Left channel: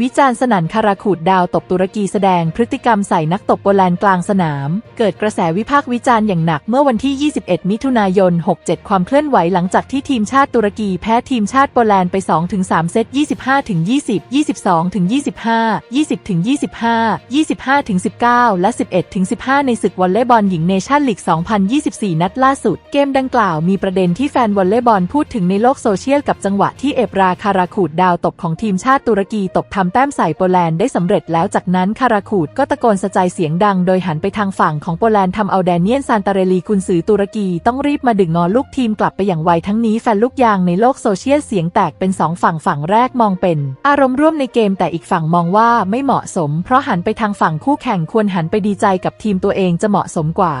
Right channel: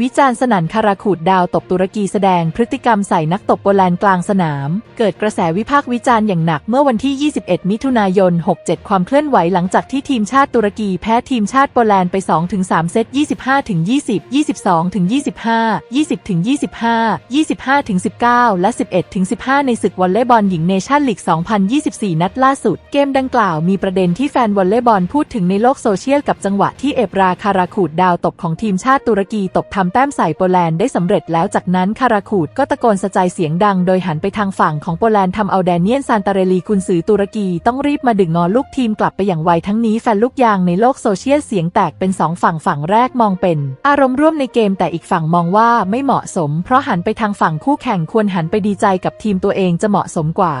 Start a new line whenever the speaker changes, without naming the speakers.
วิจารณ์สนั่นคาราขูดดาวตบตุรกีแสดงพฤติกรรมใส่นักตบโปแลนด์กลางสนาม เกิดกระแสวิพากษ์วิจารณ์อย่างหนักเมื่อวันที่ 21 มิถุนายน 67 ความเคลื่อนไหวหลังจากที่ทีมชาติตุรกีแพ้ทีมชาติโปแลนด์ไป 2-3 เซต 25-20 22-25 20-25 25-19 และ 11-15 ในศึกวอลเลย์บอลหญิงเนชั่นลีก 2024 นัดล่าสุด เกมดังกล่าวมีประเด็นที่แฟนวอลเลย์บอลพูดถึงในโลกโซเชียลกับจังหวะที่เอปราคาราขูดดาวตบของทีมชาติตุรกีตบทำแต้มใส่โปแลนด์ได้สำเร็จแล้วจากนั้นคาราขูดก็ตะโกนสะใจเสียงดังโดยหันไปทางฝั่งของโปแลนด์ทำเอาแดเนียนซานตาเรลีกุนซือตุรกีต้องรีบมาดึงงอลูกทีมกลับไปอย่างไวทั้งนี้แฟนลูกยางในโลกโซเชียลเสียงแตกเป็นสองฝั่งฝั่งแรกมองเป็น อารมณ์ร่วมในเกมแต่อีกฝั่งมองว่าไม่เหมาะสม เพราะหันไปทางฝั่งคู่แข่งควรหันไปดีใจกับทีมตัวเองจะเหมาะสมกว่า